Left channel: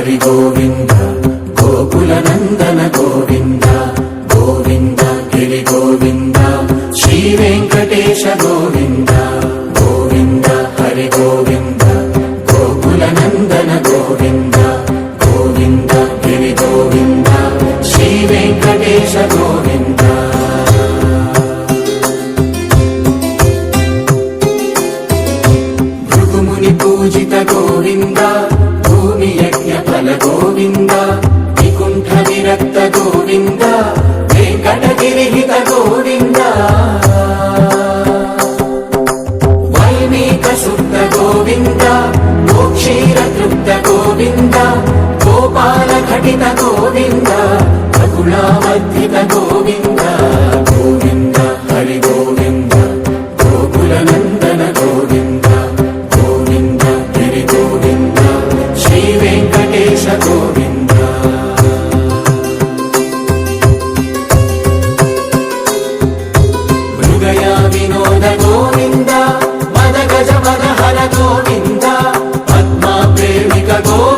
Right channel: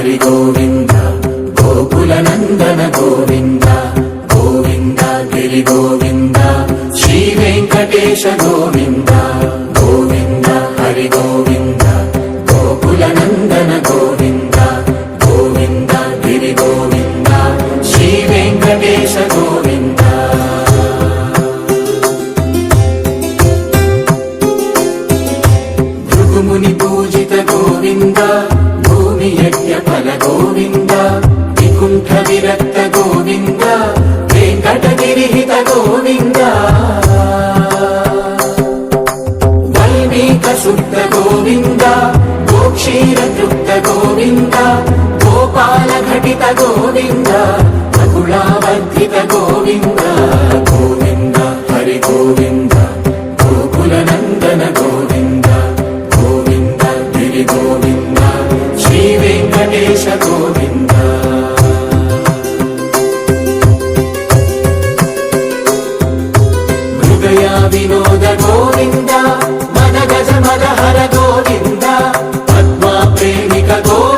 హరి గోవింద గోకుల నందన గోవింద గోవింద గిరి గోవింద శ్రీ వెంకటేశ గోవింద గోవింద హరి గోవింద గోకుల నందన గోవింద గోవింద గిరి గోవింద శ్రీ వెంకటేశ గోవింద భృగుముని పూజిత గోవింద భూమి యజ్ఞ ఫల గోవింద వికుంఠ విరక్త గోవింద వెంకటగిరిహిత గోవింద వల్మీక శుద్ధ గోవింద గోక్షీర తృప్త గోవింద గోపాల ఘటిత గోవింద బహుళావర్ధిత గోవింద గోవింద హరి గోవింద గోకుల నందన గోవింద గోవింద గిరి గోవింద శ్రీ వెంకటేశ గోవింద హృదయ వినోద గోవింద మద గజ మద హర గోవింద పద్మా ప్రేమిక గోవింద